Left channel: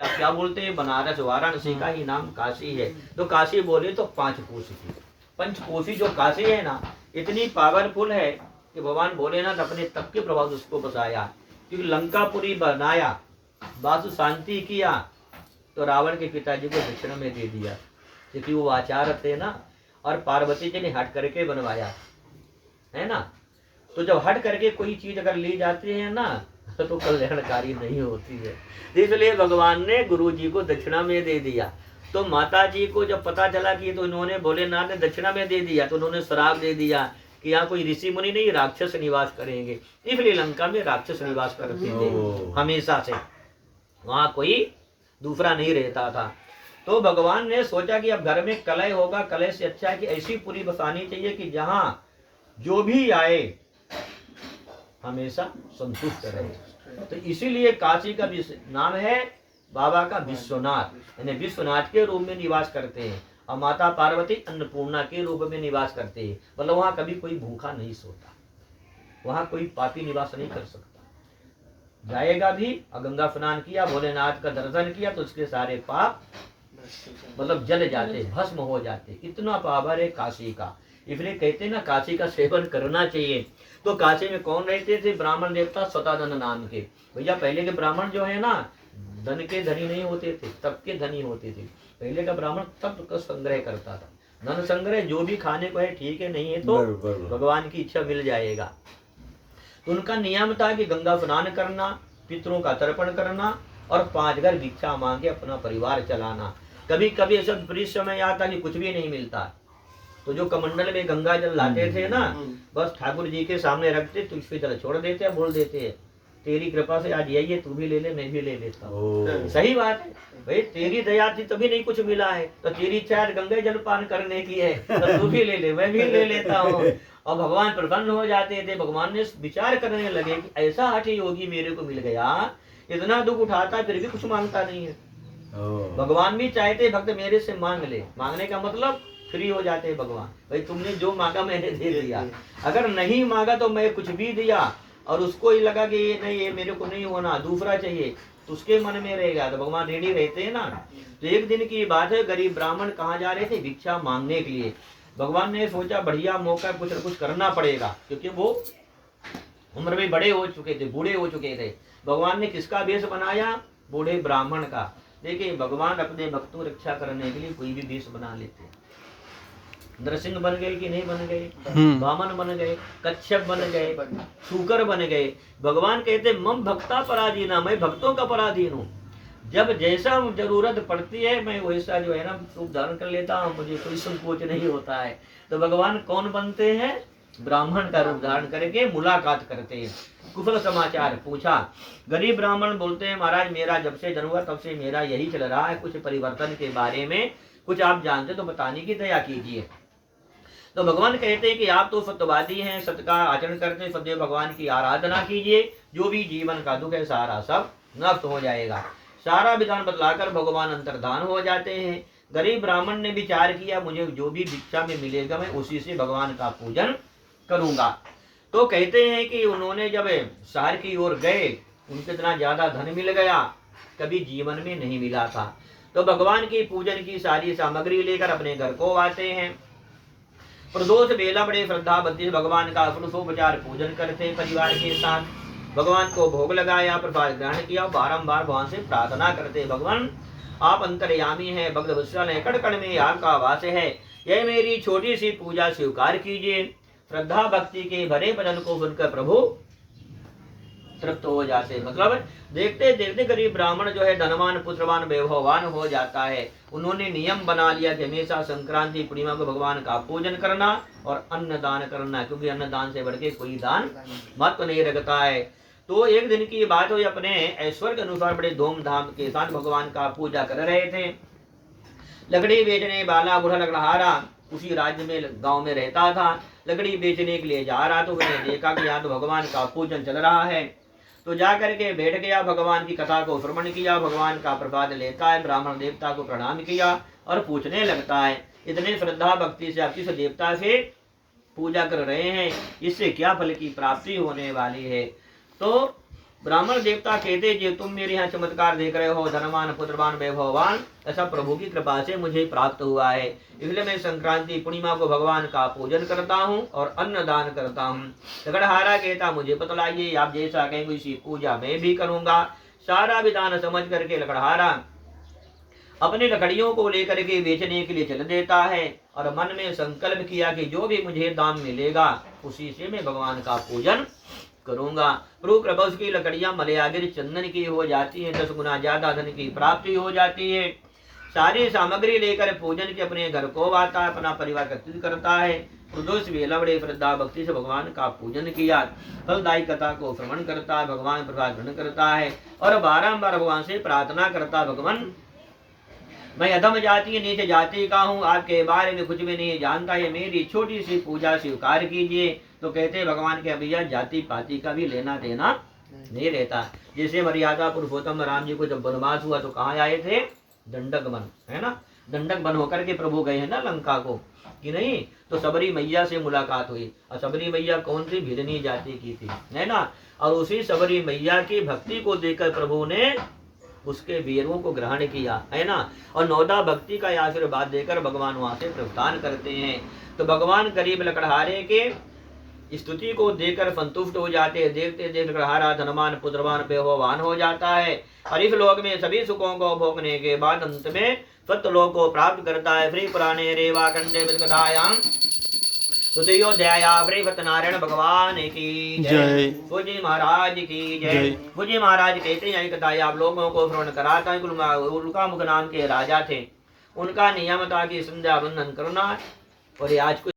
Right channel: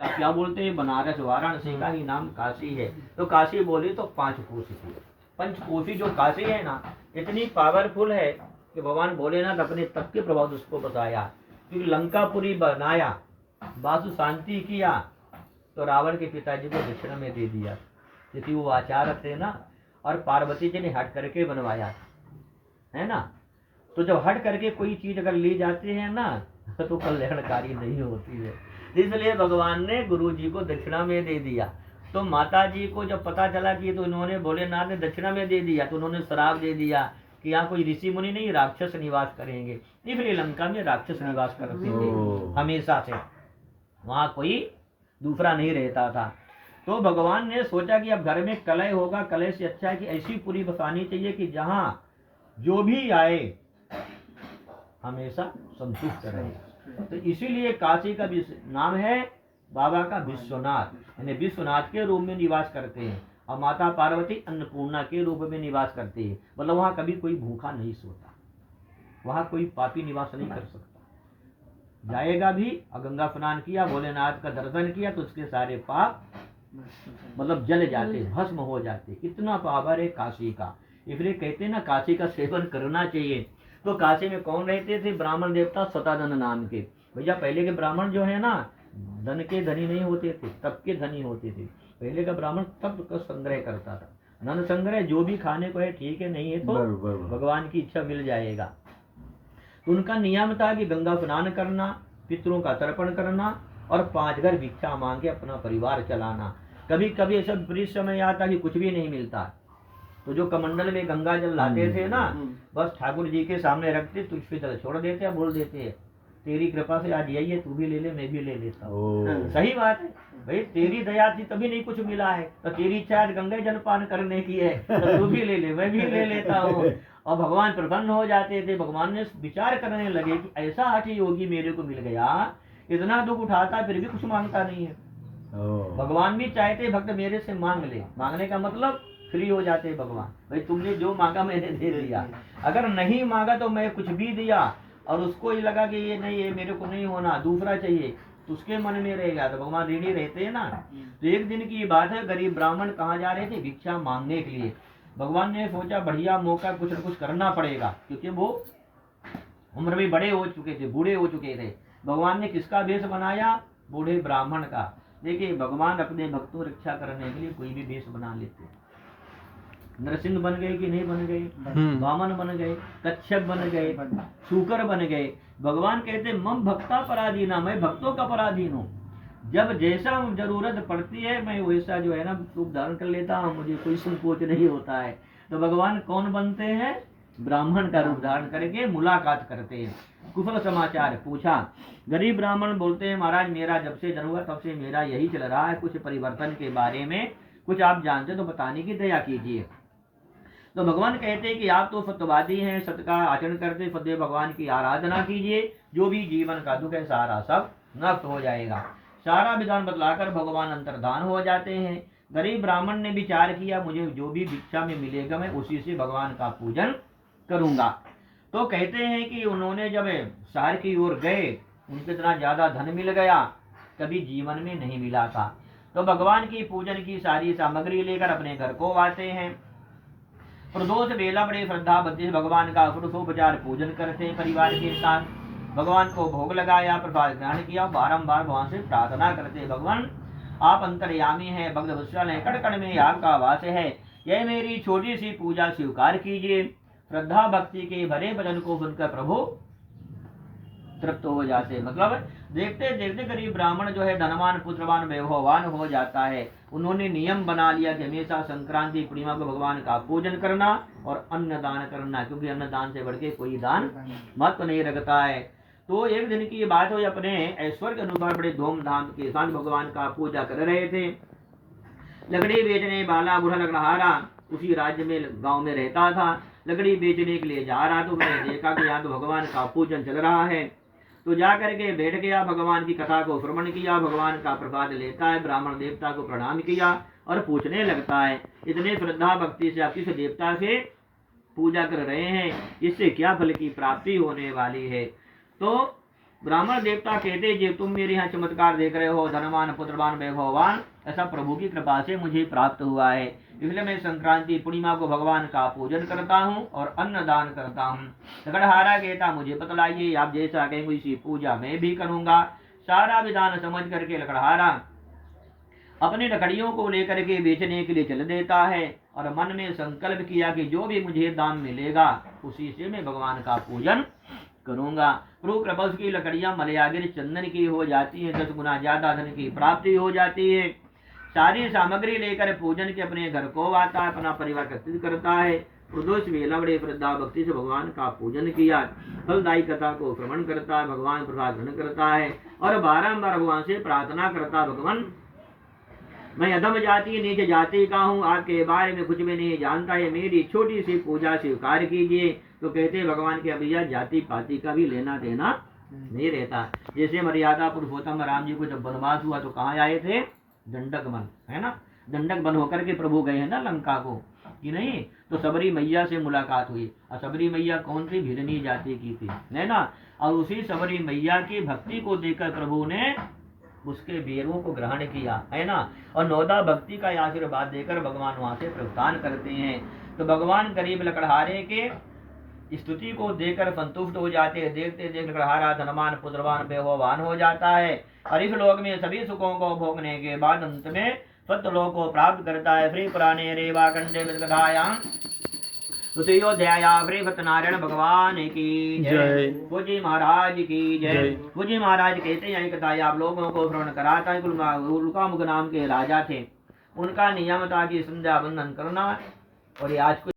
क्या बोलते हैं, बनारस वाराणसी का ही नाम काशी है। तो काशी बोले तो 5 कोस की, पंचकोशी जो काशी है ना, इतनी पावरफुल है कि भगवान भोलेनाथ अपने तप के प्रभाव से उसको बसाया। क्योंकि लंकापुरी बनाया, वासु शांति किया, तो रावण के पिताजी को दक्षिणा में दे दिया, क्योंकि वो आचार्य थे ना, और पार्वती जी ने हट करके बनवाया है ना। तो जब हट करके कोई चीज अगर ली जाती है ना, तो कल्याणकारी नहीं होती है। इसलिए भगवान ने गुरु जी को दक्षिणा में दे दिया। तो माता जी को जब पता चला कि तो इन्होंने भोलेनाथ ने दक्षिणा में दे दिया, तो उन्होंने श्राप दे दिया कि यहाँ कोई ऋषि मुनि नहीं, राक्षस निवास करेंगे। इसलिए लंका में राक्षस निवास करते थे हमेशा से, वहां कोई दूसरा नहीं रहता था। तो भगवान ने सोचा कि अब घर में कलह होगा, कलह से अच्छा है कि ऐसी पुरी बसानी चाहिए कि जहां जो भी आए हमेशा संतुष्ट रहे। तो इसीलिए काशी का नाम है बाबा का विश्वनाथ, यानी विश्वनाथ के रूप में निवास करते हैं। और माता पार्वती अन्नपूर्णा के रूप में निवास करते हैं। मतलब वहां कभी कोई भूखा नहीं सोता, वहां कोई पापी निवास नहीं कर सकता। जाएगा भी, और गंगा स्नान किया, भोलेनाथ का दर्शन किया, तो उसके सारे पाप मतलब जल जाते, भस्म हो जाते। कितना पावर है काशी का। इसलिए कहते हैं ना, काशी का सेवन करना चाहिए। तो काशी में कौन रहते थे? ब्राह्मण देवता शतानन नाम के। भैया पहले के ब्राह्मण जो है ना, धन के धनी नहीं होते थे, तप के धनी होते थे। पहले का ब्राह्मण तप का संग्रह करता था। धन संग्रह जो भी खाने को है ठीक है, नहीं है तो भगवान की इच्छा मिल जाएगा। तो उनका नियम था कि गंगा स्नान करना, पितरों का तर्पण करना, और 5 घर भिक्षा मांग के अपना परिवार चलाना। कभी कभी ऐसा विपरीत समय आता कि कुछ भी नहीं मिलता, तो जो कमंडल में गंगा जल लाते थे ना, बस ठाकुर जी के सामने रखते, तुझ पे तरह छोड़ देते, बोल देते तेरी कृपा से आज यही है, तू भी ले ले, मैं भी ले लेता हूँ। सही बात है भाई, तेरी दया थी तभी नहीं कुछ मिला है, तो तेरी इच्छा गंगा जल पान करने की है, तो तू भी ले ले, मैं भी ले लेता हूँ। और भगवान प्रसन्न हो जाते थे। भगवान ने विचार करने लगे कि ऐसा हठी योगी मेरे को मिल गया, इतना दुख उठाता फिर भी कुछ मांगता नहीं है। भगवान भी चाहते भक्त मेरे से मांग ले। मांगने का मतलब फ्री हो जाते हैं भगवान, भाई तुमने जो मांगा मैंने दे दिया। अगर नहीं मांगा तो मैं कुछ भी दिया, और उसको ही लगा कि ये नहीं, ये मेरे को नहीं होना, दूसरा चाहिए, तो उसके मन में रहेगा, तो भगवान ऋणी रहते हैं ना। तो एक दिन की बात है, गरीब ब्राह्मण कहाँ जा रहे थे? भिक्षा मांगने के लिए। भगवान ने सोचा बढ़िया मौका, कुछ न कुछ करना पड़ेगा, क्योंकि वो उम्र में बड़े हो चुके थे, बूढ़े हो चुके थे। भगवान ने किसका वेश बनाया? बूढ़े ब्राह्मण का। देखिए भगवान अपने भक्तों रक्षा करने के लिए कोई भी वेश बना लेते हैं। नरसिंह बन गए कि नहीं बन गए? वामन बन गए, कच्छप बन गए, शूकर बन गए। भगवान कहते मम भक्ता पराधीना, मैं भक्तों का पराधीन हूँ। जब जैसा जरूरत पड़ती है मैं वैसा जो है ना रूप धारण कर लेता हूँ, मुझे कोई संकोच नहीं होता है। तो भगवान कौन बनते हैं? ब्राह्मण का रूप धारण करके मुलाकात करते हैं, कुशल समाचार पूछा। गरीब ब्राह्मण बोलते हैं महाराज मेरा जब से जन्म हुआ तब से मेरा यही चल रहा है, कुछ परिवर्तन के बारे में कुछ आप जानते तो बताने की दया कीजिए। तो भगवान कहते हैं कि आप तो सत्यवादी हैं, सत्य का आचरण करते, सदैव भगवान की आराधना कीजिए, जो भी जीवन का दुख है सारा सब नष्ट हो जाएगा। सारा विधान बदलाकर भगवान अंतर्धान हो जाते हैं। गरीब ब्राह्मण ने विचार किया मुझे जो भी भिक्षा में मिलेगा मैं उसी से भगवान का पूजन करूंगा। तो कहते हैं कि उन्होंने जब शहर की ओर गए, उनको इतना ज्यादा धन मिल गया कभी जीवन में नहीं मिला था। तो भगवान की पूजन की सारी सामग्री लेकर अपने घर को आते हैं। प्रदोष बेला बड़े श्रद्धा भक्ति भगवान का षोडशोपचार पूजन करते परिवार के साथ। भगवान को भोग लगाया, प्रसाद ग्रहण किया, बारंबार भगवान से प्रार्थना करते भगवान आप अंतर्यामी हैं, भक्त वत्सल हैं, कण कण में आपका वास है, यह मेरी छोटी सी पूजा स्वीकार कीजिए। श्रद्धा भक्ति के भरे भजन को सुनकर प्रभु तृप्त हो जाते। मतलब देखते देखते गरीब ब्राह्मण जो है धनवान पुत्रवान वैभववान हो जाता है। उन्होंने नियम बना लिया कि हमेशा संक्रांति पूर्णिमा को भगवान का पूजन करना और अन्न दान करना, क्योंकि अन्न दान से बढ़ के कोई दान महत्व नहीं रखता है। तो एक दिन की बात हो, अपने ऐश्वर्य के अनुसार बड़े धूमधाम के साथ भगवान का पूजा कर रहे थे। लकड़ी बेचने वाला बूढ़ा लकड़हारा उसी राज्य में गांव में रहता था। लकड़ी बेचने के लिए जा रहा तो उसने देखा कि यहाँ तो भगवान का पूजन चल रहा है, तो जाकर के बैठ गया, भगवान की कथा को श्रवण किया, भगवान का प्रसाद लेता है, ब्राह्मण देवता को प्रणाम किया और पूछने लगता है इतने श्रद्धा भक्ति से आप किस देवता से पूजा कर रहे हैं, इससे क्या फल की प्राप्ति होने वाली है। तो ब्राह्मण देवता कहते जे तुम मेरे यहाँ चमत्कार देख रहे हो, धनवान पुत्रवान वैभववान, ऐसा प्रभु की कृपा से मुझे प्राप्त हुआ है। इसलिए मैं संक्रांति पूर्णिमा को भगवान का पूजन करता हूँ और अन्न दान करता हूँ। लकड़हारा कहता मुझे बतलाइए, आप जैसा कहेंगे इसी पूजा मैं भी करूंगा। सारा विधान समझ करके लकड़हारा अपनी लकड़ियों को लेकर के बेचने के लिए चल देता है और मन में संकल्प किया कि जो भी मुझे दाम मिलेगा उसी से मैं भगवान का पूजन करूंगा। प्रभु कृपा उसकी लकड़ियां मलयागिर चंदन की हो जाती है, 10 गुना ज्यादा धन की प्राप्ति हो जाती है। सारी सामग्री लेकर पूजन के अपने घर को आता है, अपना परिवार एकत्रित करता है। प्रदोष वेला बड़े श्रद्धा भक्ति से भगवान का पूजन किया, फलदायी कथा को श्रवण करता, भगवान प्रसाद ग्रहण करता है और बारंबार भगवान से प्रार्थना करता, भगवान मैं अधम जाति नीच जाति का हूँ, आपके बारे में कुछ भी नहीं जानता है, मेरी छोटी सी पूजा स्वीकार कीजिए। तो कहते भगवान के भैया जाति पाति का भी लेना देना नहीं रहता। जैसे मर्यादा पुरुषोत्तम राम जी को जब वनवास हुआ तो कहाँ आए थे? दंडक वन, है ना। दंडक वन होकर के प्रभु गए हैं ना लंका को, कि नहीं? तो सबरी मैया से मुलाकात हुई और सबरी मैया कौन सी? भिड़नी जाति की थी, है ना। और उसी सबरी मैया की भक्ति को देखकर प्रभु ने उसके वीरों को ग्रहण किया, है ना। और नौदा भक्ति का आशीर्वाद देकर भगवान वहां से प्रस्थान करते हैं। तो भगवान करीब लकड़हारे के स्तुति को देखकर संतुष्ट हो जाते हैं। देखते देखते लकड़हारा धनवान पुत्रवान वैभववान हो जाता है और इस लोक में सभी सुखों को भोगने के बाद अंत में सत्यलोक को प्राप्त करता है। श्री पुराणे रेवा कंडे विदकथायाम तुतयोध्याया श्री सत्यनारायण भगवान की जय। गुरुजी महाराज की जय। गुरुजी महाराज कहते हैं कथा आप लोगों को श्रवण कराता है। उल्का मुख नाम के राजा थे, उनका नियम था कि संध्या वंदन करना और आज